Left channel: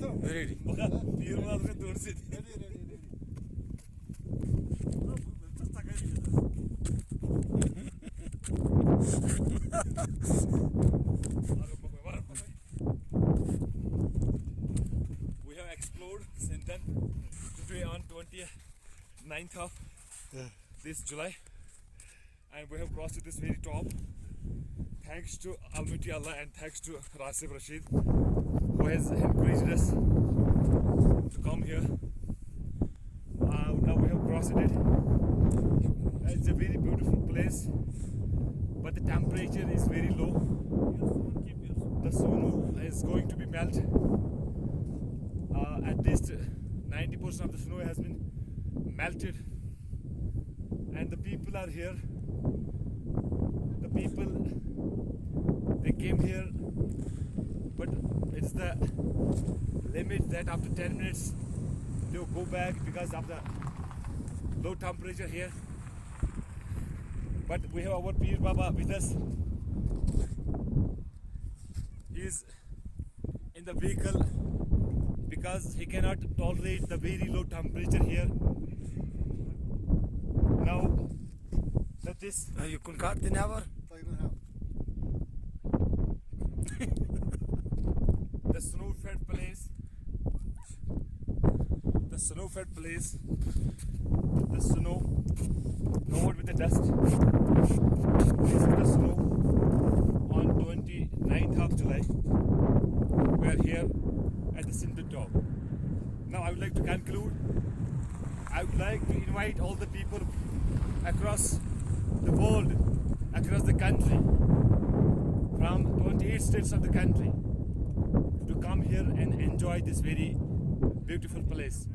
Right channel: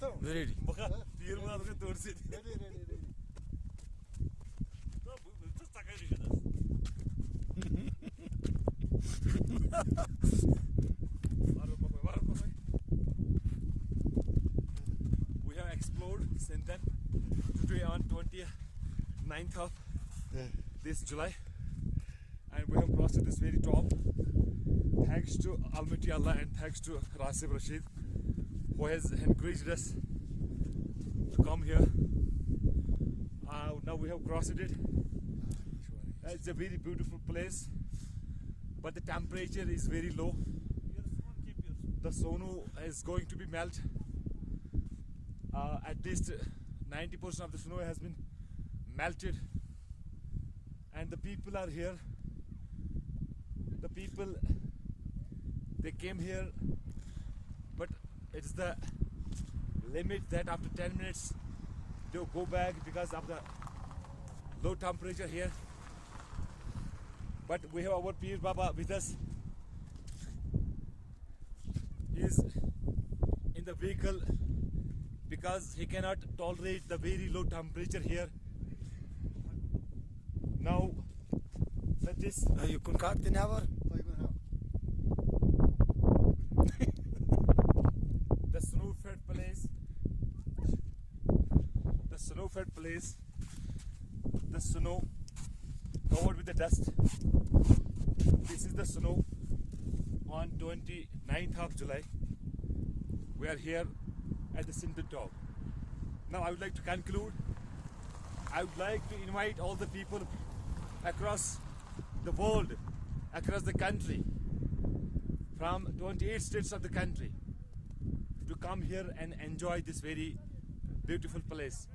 Ready. We have explored Sinthan today on 29th of this July, and we have crossed to this very top. Thanks to Almighty Allah and thanks to Rashid Rasib, who has encouraged us to come here. Now we have crossed it. It's a very beautiful place, but the temperature is very low. The snow is going to be melt. At least 90% of the snow has been melted, and the people are here. The people, they came here, but it's the limit that after 10 minutes they'll go back because of the low temperature here. But we have our Peer Baba with us. He is in the vehicle because he cannot tolerate the very low temperature here. Now, let this. You can cut the never. The snow-fed place. The snow-fed place. The snow covered with the dust. This is the snow on 29th of July. We are here at the Sinthan top. Now I would like to conclude. I would like to invite all the people across the world, across the country, from 28 states of the country, to come here and enjoy this very beautiful place.